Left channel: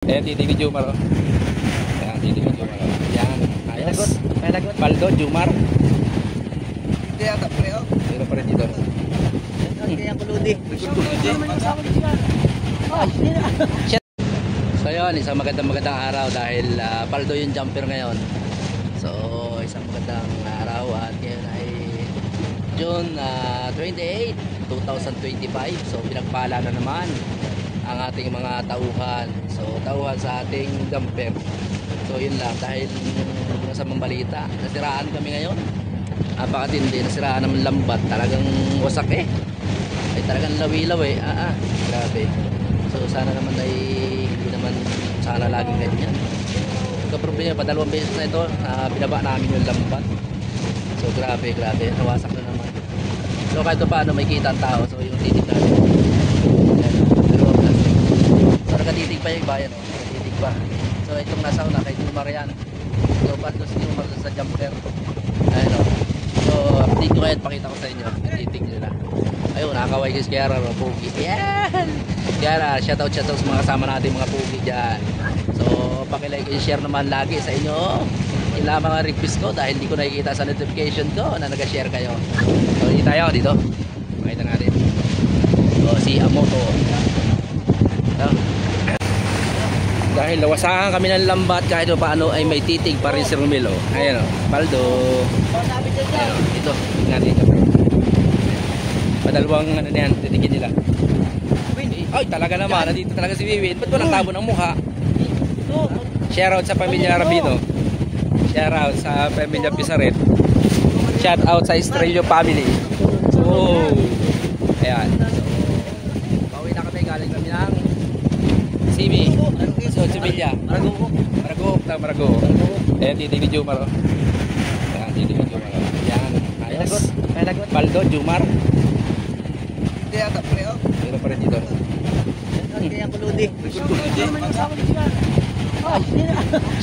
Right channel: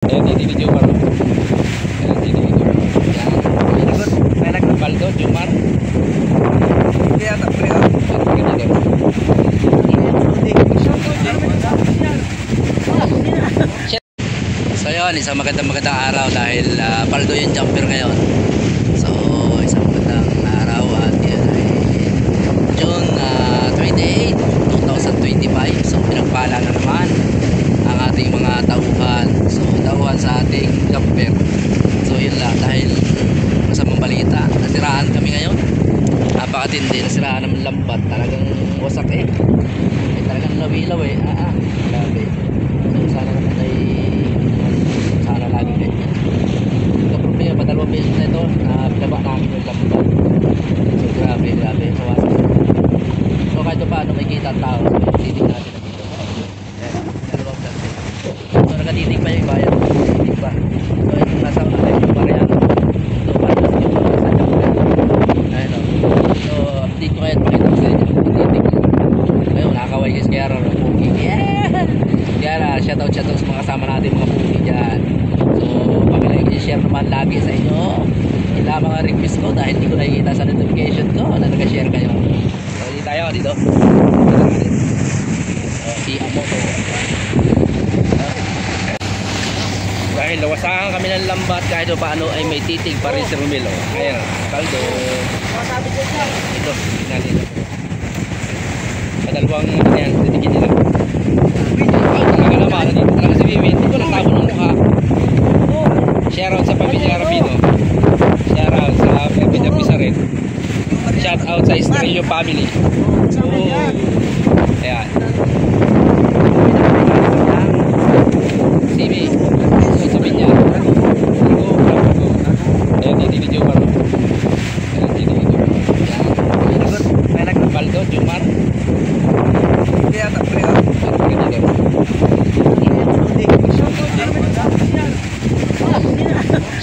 Ayan, nililidyo ka rin. Ayan, nililidyo ka rin. Ayan. May lagot. Baldo, Jumar. Hindi yata, pre. Pre dito. So yun, isang magandang araw dahil paldo yung jumper ngayon. So isang magandang araw at yun ay June 28, 2025. So pinagpala na naman ang ating mga tauhan. So tauhan sa ating jumper. So yun lang, dahil masamang balita, nasiraan kami ngayon. Napakatindi, nasiraan naman lambat. Talagang wasak ay talagang lawilaw grabe. So sana naman ay hindi naman sana lagi ganyan. Problema pa, 2 beses na ito pinaba namin yung lambat. So grabe sa wasak na. So kahit paano may kita tao. So titig natin dito. So nakatitig pa yung bayan. Titig pa. So itong nasa una kayo yung bariyan. So patos yung mga sa jumper. Ayun o. So update ko kahit pakita ko sa inyo. Titig nila. Ayun, nakakaway kasi kaya rin pugi. Yan, shoutout sa mga kasama natin mga pugi dyan. So pakishare naman lagi sa inyo sila mga request ko dahil hindi ko nakikita sa notification ko na nag-share kayo. So dito tayo dito. Dito natin. So si Amoto. Dahil lawasahan kami ng lambat kahit paano ay may titig pa rin si Romelo. Ayan o, paldo. Ito, tingnan nito. Madalawang ano yan, titigin nila. Oh, talaga naman, nandito talaga si Vivi. Ba't ko nagtabo ng mukha? Shoutout sa pamilya Rabino. Shoutout sa pamilya Pisaret. Shoutout sa Estrello family. Oh, ayan. CV. So, sabihin niya. Rago. Ayan, nililidyo ka rin. Ayan, nililidyo ka rin. Ayan. May lagot. Baldo, Jumar. Hindi yata, pre. Pre dito.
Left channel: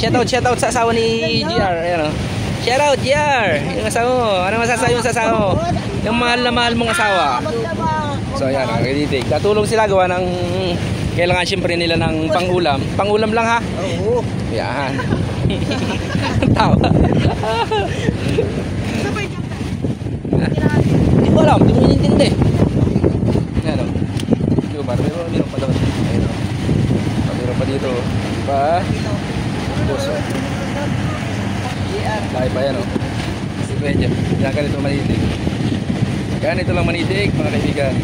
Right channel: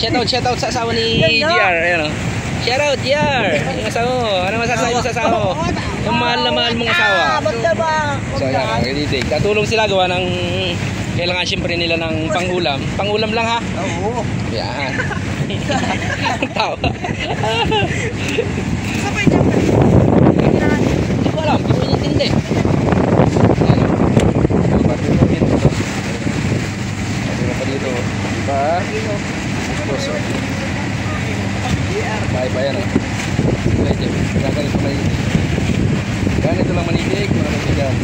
Shoutout sa asawa ni JR. Ayan o. Shoutout JR. Yung asawa mo. Ano masasabi yung asawa mo? Yung mahal na mahal mong asawa. So ayan, nakikinig. Katulong sila gawa ng kailangan siyempre nila ng pangulam. Pangulam lang ha? Oo. Yan. Tawa. Hindi ko alam. Hindi mo inintindi. Ayan o. Marami mo dito pa doon. Ayan o. Marami pa dito. Diba? Puso. Dahil pa yan o. Medyo. Ganito manitig. Ganito lang manitig mga kaibigan.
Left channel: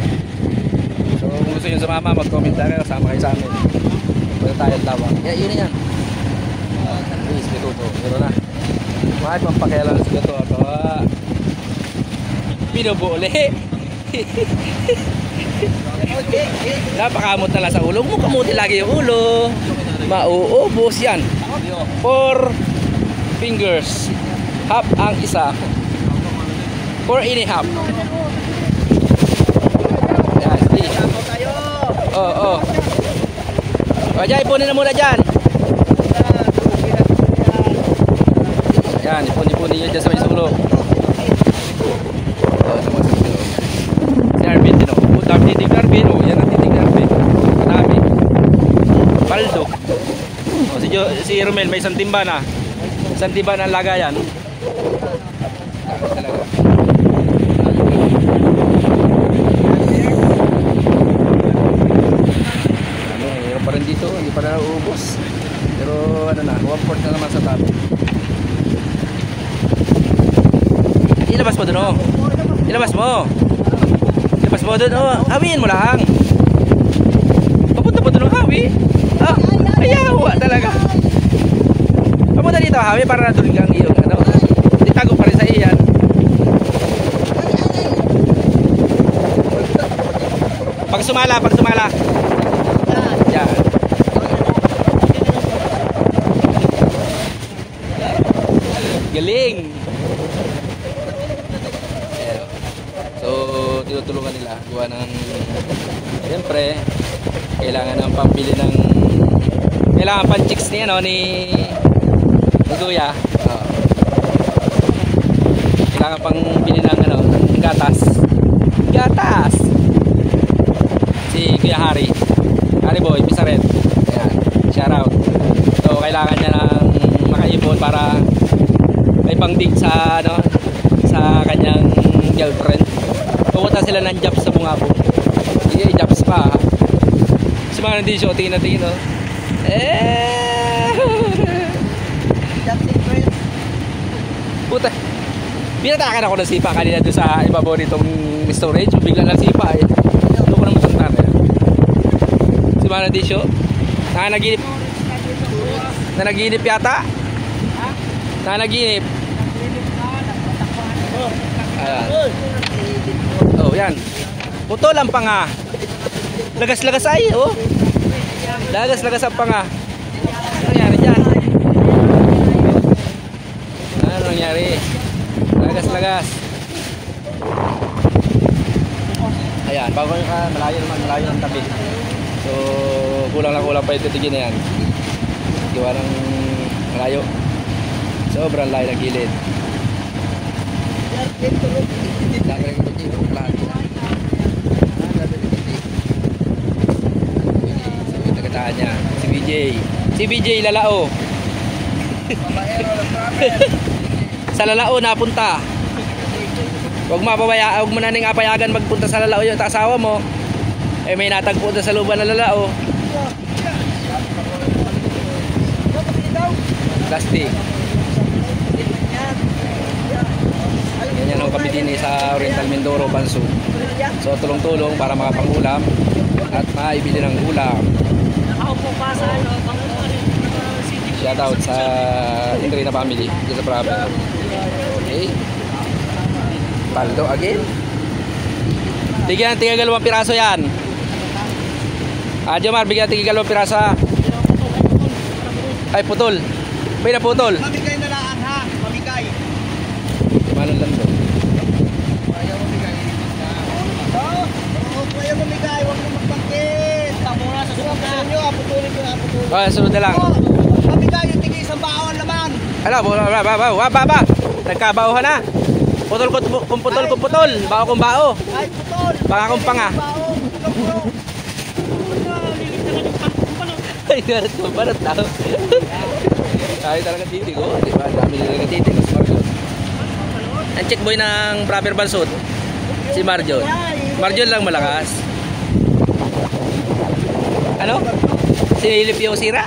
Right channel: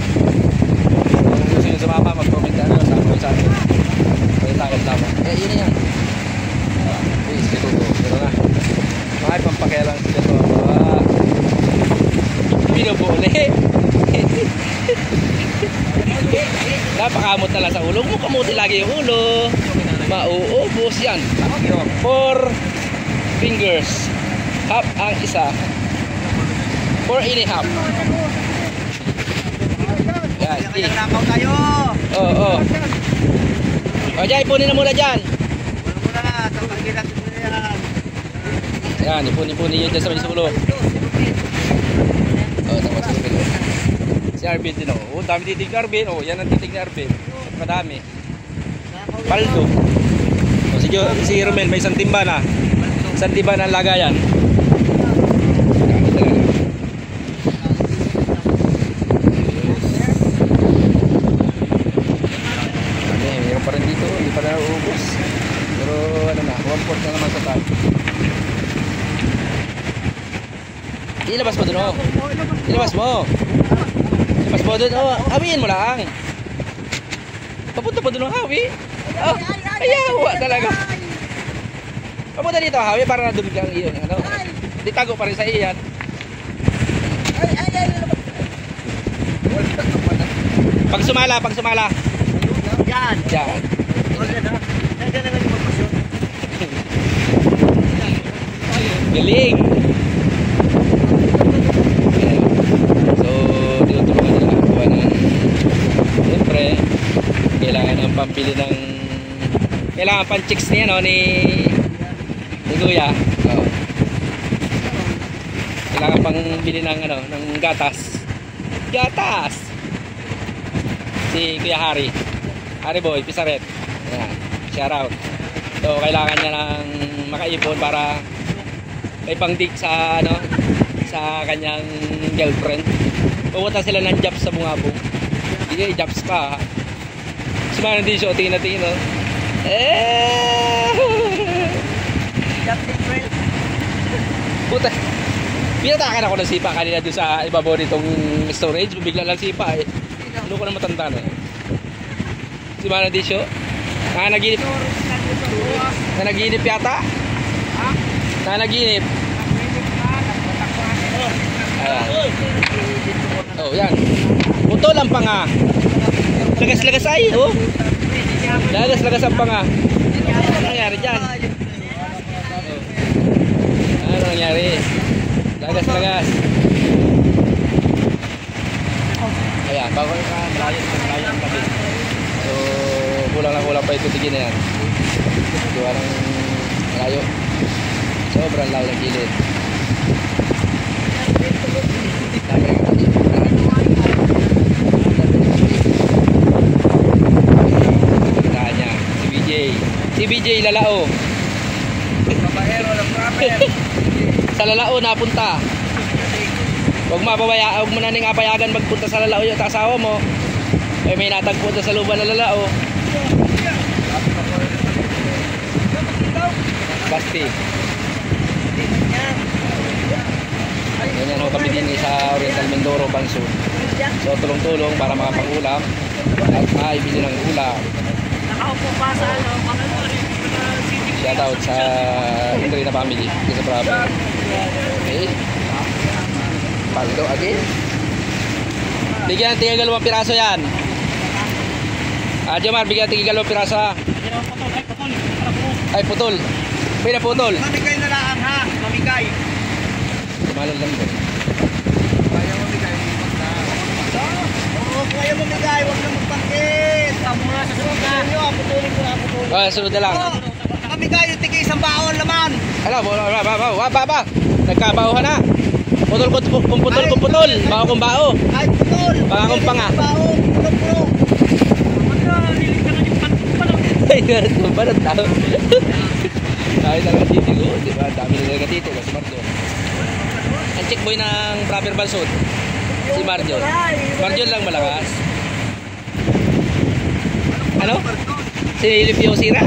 So kung gusto nyo sumama, mag-comment na kayo. Sama kayo sa amin. Pwede tayo laban. Yun na yan. Please, bituto. Pero na. Mahal pang pakialam sa ito. Hindi ka bole. Napakamot na lang sa ulo. Huwag kamuti lagi yung ulo. Mauubos yan. 4 fingers. Half ang isa. 4 1/2. Yan. Tapang kayo. Oo. O dyan, ipunin na muna dyan. Yan, ipunin nyo dyan sa may sulo. Oo, sa may sulo. Si Arvin din o. Puta, titig ni Arvin o. Yan ang titig ni Arvin. Madami. Paldo. O, si Romel may isang timba na. Isang timba na lagayan. Pa rin dito, hindi pa na uubos. Pero ano na, 1/4 na naman sa talo. Ilabas mo dun o. Ilabas mo. Ilabas mo dun o. Hawiin mo lang. Papunta po dun o hawi. Oh, ayawa talaga. Papunta dito hawi para na dun kang iyong ano. Itago pa rin sa iyan. Pag sumala. Yan. Galing. Ayan. So, tinutulungan nila. Kuha ng siyempre, kailangan ng pambili ng kailangan pan-chicks niya no, ni Kuya. Kailangan pang bili ng ano, ng gatas. Si Kuya Hari boy, Pisaret. Ayan. Shoutout. So kailangan niya ng makaipon para may pangdig sa ano, sa kanyang girlfriend. Pumunta sila ng Japs sa Bungabo. Iya, Japs pa. Sumana din siya, tingin no. Captain Friend. Puta. Pinatakan ako ng sipa kanina doon sa ibabaw nitong storage. Bigla lang sipa eh. Ano ko na matanda na. Sumana din siya. Nanaginip yata. Nanaginip. Ayan. Oh, yan. Putol ang panga. Lagas-lagas ay, oh. Lagas-lagas ang panga. Ano nangyari dyan? Ano nangyari? Lagas-lagas. Ayan, bago malayo ang tabi. So, kulang pa ito tigin na yan. Gawa ng malayo. Sobrang layo ng gilid. Dami rin ito dito. Pagkataan niya. Si BJ Lalao. Babaero ng trapper. Sa Lalao napunta. Huwag mo na ning apayagan magpunta sa Lalao yung asawa mo. Eh may natagpo sa luban ng Lalao. Dusty. Ganyan ho kami din sa Oriental Mindoro, Banso. So tulong-tulong para makapangulam at maibili ng ulam. Shout out sa Indrina family dito sa Bravo. Okay. Paldo again. Bigyan tinggal 2 piraso yan. Jomar, bigyan tinggal 2 piraso ha. Ay putol. Pwede putol. Mamigay na lang ha. Mamigay. Malong lang doon. Kaya mamigay. Oo, kaya mamigay. Huwag na magpangkit. Tamura sa suka. Putulin ko. Sunod na lang. Mamigay yung tigay isang baon naman. Ala, ba. Nagkabauhan na. Putol kung putol. Bao kung bao. Ay, putol. Baka kung panga. Baon. Pulo-pulo. Ay, ganit ko ba na tao? Tayo talaga titigo, di ba? Dami na talaga titigo. Ang check boy ng Brother Bansot, si Marjon. Marjon lang malakas. Ano? Sinilip yung sira?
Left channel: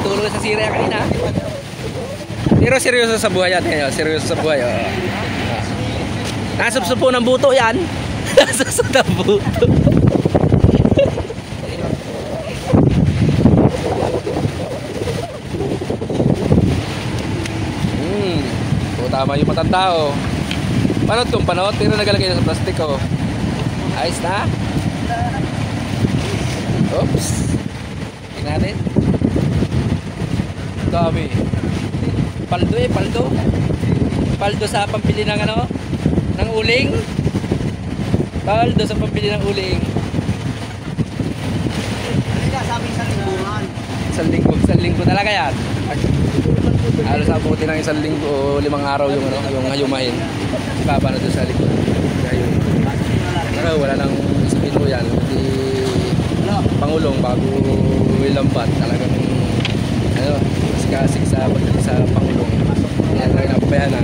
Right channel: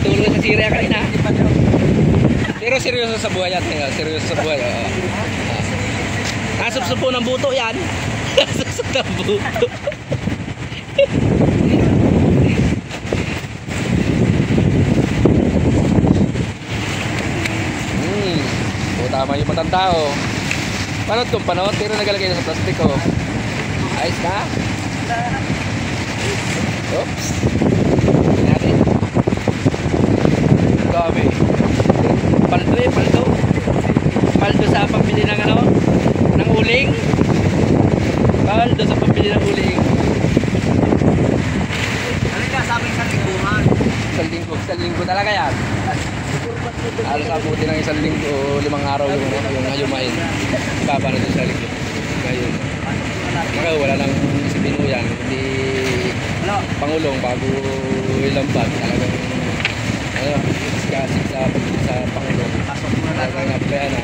Tulong sa sira kanina. Pero seryoso sa buhay natin. Seryoso sa buhay. Nasupsupo ng buto yan. Nasupsupo ng buto. Tama yung matanda oh. Panot kung panot, pero nagalagay na sa plastic oh. Ayos na. Oops. Tingnan natin. Gabi. Paldo eh, paldo. Paldo sa pambili ng ano? Ng uling. Paldo sa pambili ng uling. Ano nga sabing sa lingguhan? Isang linggo talaga yan. Alos abuti ng 1 linggo o 5 araw yung ano, yung hayumahin. Baba na doon sa likod. Ngayon. Wala nang sitino yan. Hindi pangulong bago ilambat. Talagang ano, iskasik sa pangulong. Talagang napabayaan na.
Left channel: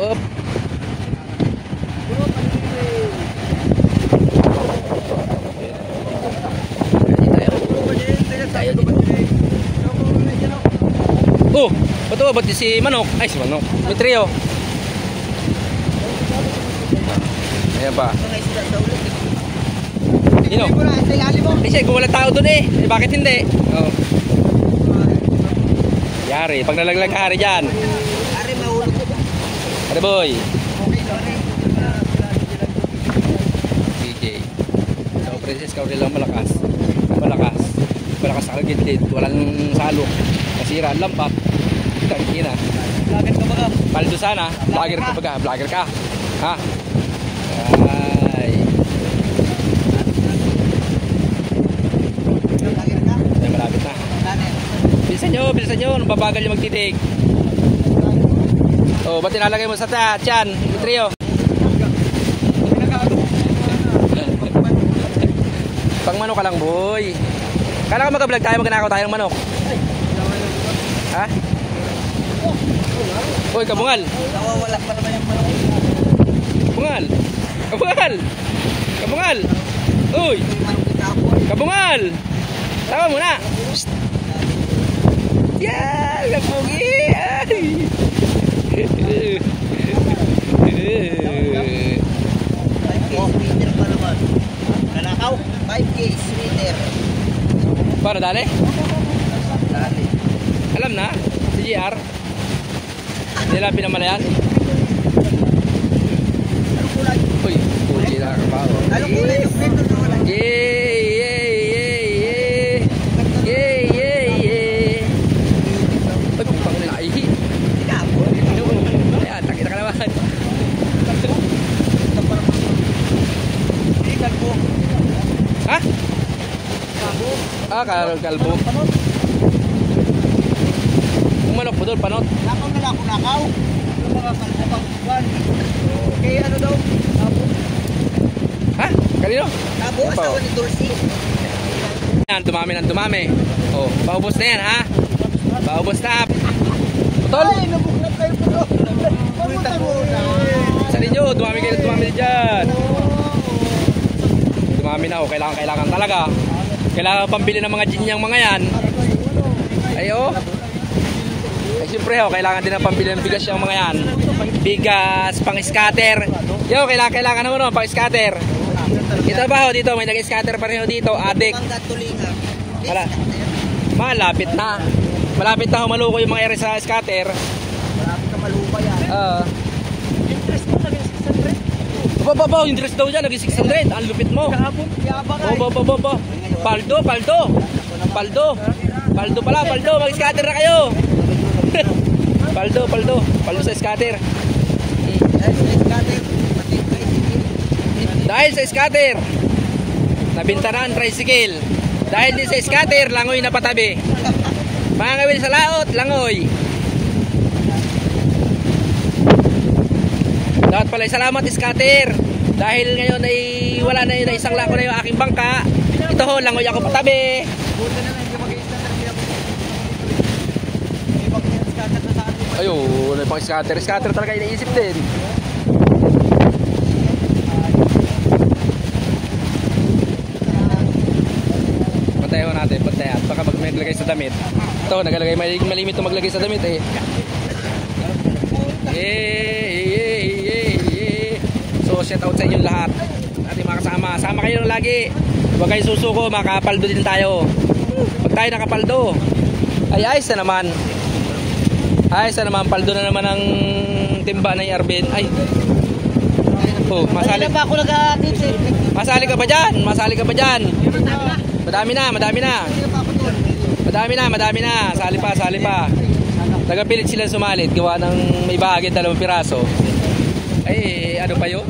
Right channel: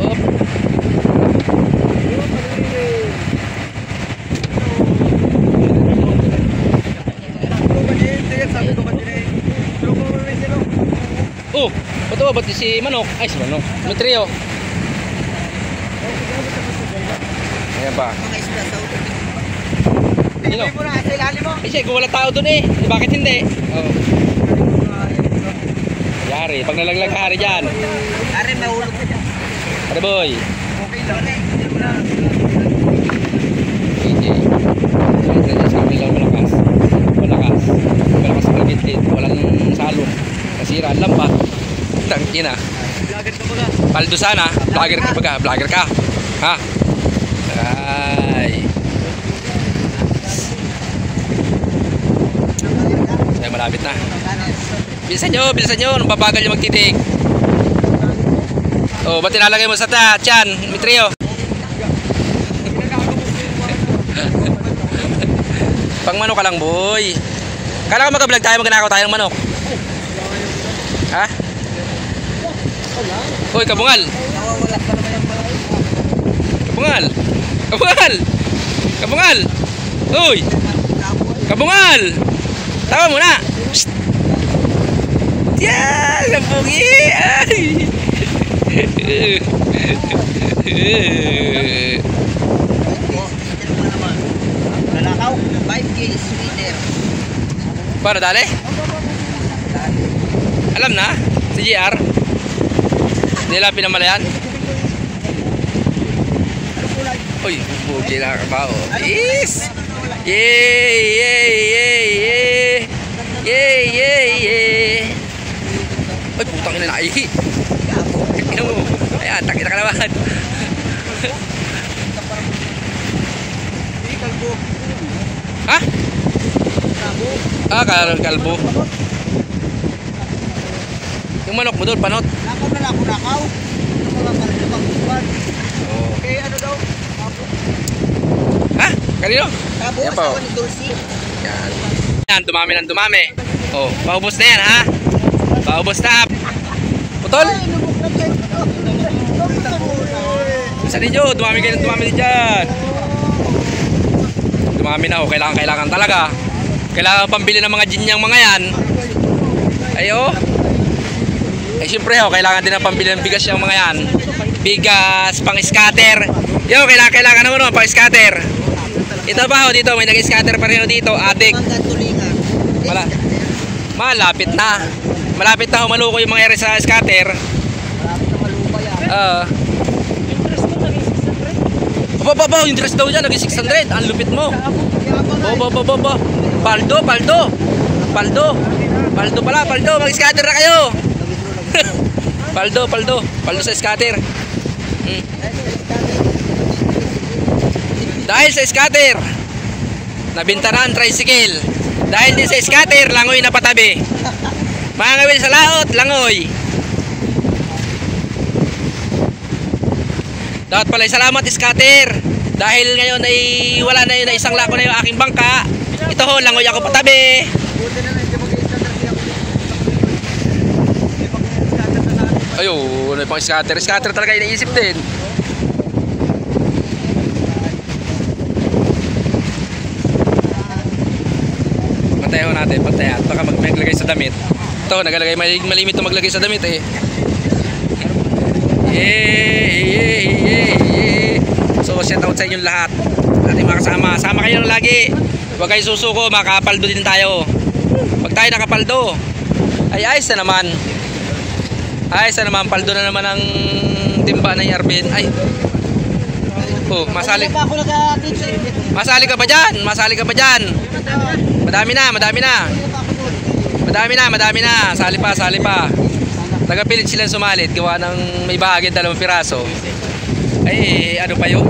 Oop. Oh, betul buat si Manok. Ay, si Manok. Metrio. Ayan pa. Sino? Kasi kung wala tao doon eh. Bakit hindi? Oh. Yari, pag nalaglag hari dyan. Ari, may ulo. Ano boy? Okay lang. Sa kanila malakas. Malakas sa kalagitid. Walang salok. Masira ang lambat. Tangina. Paldo sana. Vlogger ka ba? Vlogger ka. Ha? Ay. Ay, malapit na. Bilisan nyo. Nung babagal yung magtitig. Oh, ba't tinalagay mo sa tiyan, Mitrio? Pang mano ka lang, boy. Kala ko mag-vlog tayo, magnakaw tayo ng manok. Ha? Uy, kabungal. Nawawala pa naman yung malaki. Kabungal. Kabungal. Kabungal. Uy. Kabungal. Tawa muna. Psst. Yan, kapugi. Ay. Nanakaw, 5K sweater. Para dali? Dali. Alam na? Si GR? Nila pinamalayan? Uy, pugi lang ang bao. Yes! Yay! Yay! Yay! Yay! Yay! Yay! Yay! Ay, putang ina na ihi. Ino mo. Ayan, takita ka naman. Ha? Ah, kalbo. Yung manok mo doon, panot. Nakaw na lang ako nakaw. Ano mga kalbupang-buwan. Oh. Okay, ano daw? Tabo. Ha? Kanino? Tabo, Yan pa, asawa oh. ni Dulcie. Yan. Yan, dumami ng dumami. Oh, paubos na yan, ha? Paubos na. Putol? Ay, nabuklat kayo po. Nabuklat mo na. Saan ninyo? Dumami kayo ng dumami din dyan. Dumami na, oh. Kailangan talaga. Kailangan pambili ng mga ginyang mga yan. Ayo. Eh, siyempre, oh, kailangan din ng pambili ng bigas yung mga yan. Bigas, pang scatter. Yo, kailangan naman pang scatter. Ito ba, oh, dito, may nag-scatter pa rin dito, adik. Hanggang tulingan. Wala. Malapit na. Malapit na humaluko yung mga ere sa scatter. Baba, yung interest daw dyan, naging 600. Ang lupit mo. Baba. Paldo pala, mag-scatter na kayo. Paldo sa scatter. Dahil sa scatter, nabinta na ang tricycle. Dahil din sa scatter, langoy na patabi. Mga ngawil sa laot, langoy. Dapat pala salamat scatter. Dahil ngayon ay wala na yun, na isang lako na yung aking bangka. Ito ho, langoy ako patabi. Ayun, may pang scatter. Scatter talaga iniisip din. Pantayaw natin, pantayat. Baka maglagay sa damit. Ito, nagalagay, malimit ito maglagay sa damit eh. So, shout out sa inyong lahat. Ating mga kasama. Sama kayo lagi. Huwag kayo susuko, makapaldo din tayo. Pag tayo nakapaldo, ay ayos na naman. Ayos na naman, paldo na naman ang timba ng Arvin. Ay. Oh, masali. Masali ka ba dyan? Madami na. Sali pa. Nagapilit sila sumalit. Gawa ng may bahagi 2 piraso. Ay, ano pa yun?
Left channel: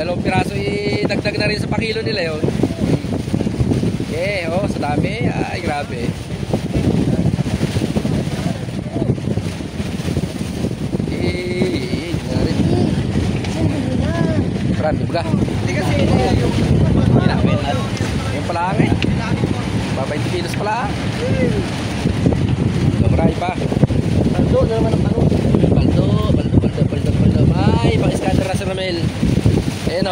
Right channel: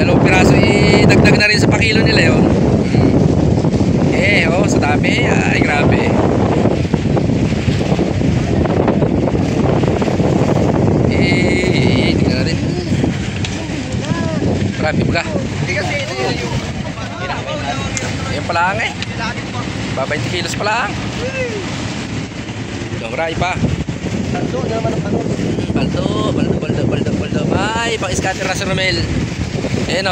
2 piraso, dagdag na rin sa pakilo nila yun. Sa dami. Ay, grabe. Tingnan natin. Marami ba ka? Hindi kasi yung... Ayan pala ang eh. 20 kilos pala ang. Marami pa. Paldo. Ay, pang scatter na si Romel. Ayan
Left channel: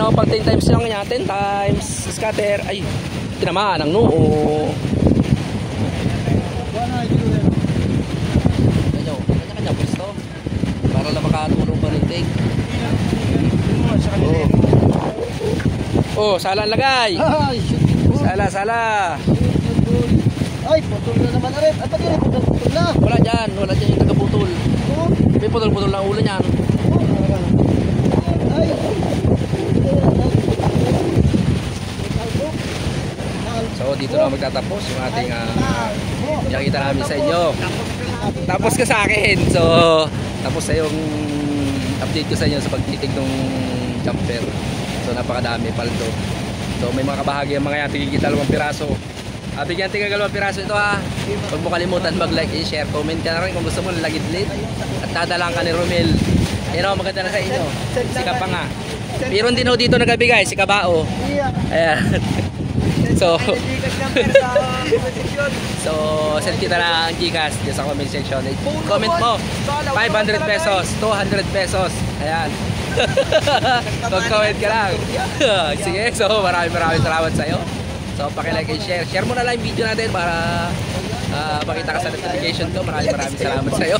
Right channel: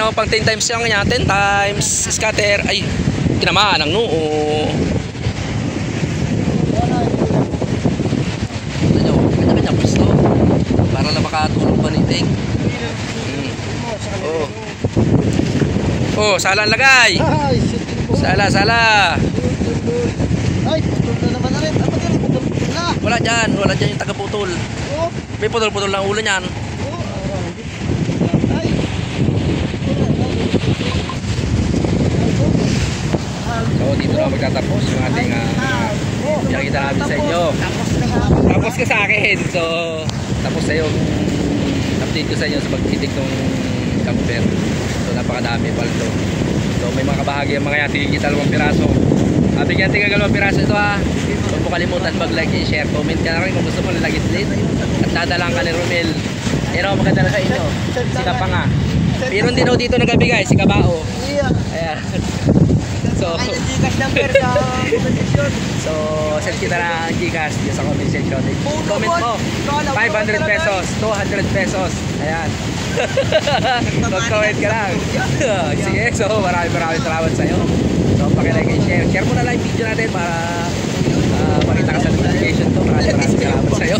o, pang 10 times lang yan. 10 times scatter. Ay, tinamaan ang noo. Kanya-kanya pwesto. Para lang makatulong pa niting. Sala ang lagay. Sala. Ay, putol na naman na rin. At pag rin, putol na. Wala dyan yung taga-putol. May putol-putol lang ulo niyan. Ay. So dito na magtatapos yung ating nakikita namin sa inyo. Tapos ka sa akin. So tapos na yung update ko sa inyo sa pagtitig ng camper. So napakadami paldo. So may mga kabahagi yung mga yan, tigigit 2 piraso. Bigyan tigil 2 piraso ito ha. Huwag mo kalimutan mag-like and share. Comment ka na rin kung gusto mo lalagit-lit. At dadalang ka ni Romel. Pero maganda na sa inyo. Sika pa nga. Pero hindi na dito nagabigay, si Kabao. Ayan. So, Ay, nag-Gcash number sa comment section. so send kita na ang Gcash dyan sa comment section. Comment mo, 500 pesos, 200 pesos. Ayan. Mag-comment ka lang. Sige, so maraming salamat sa'yo. So pakilike and share. Share mo na lang yung video natin para makita ka sa notification ko. Maraming salamat sa'yo.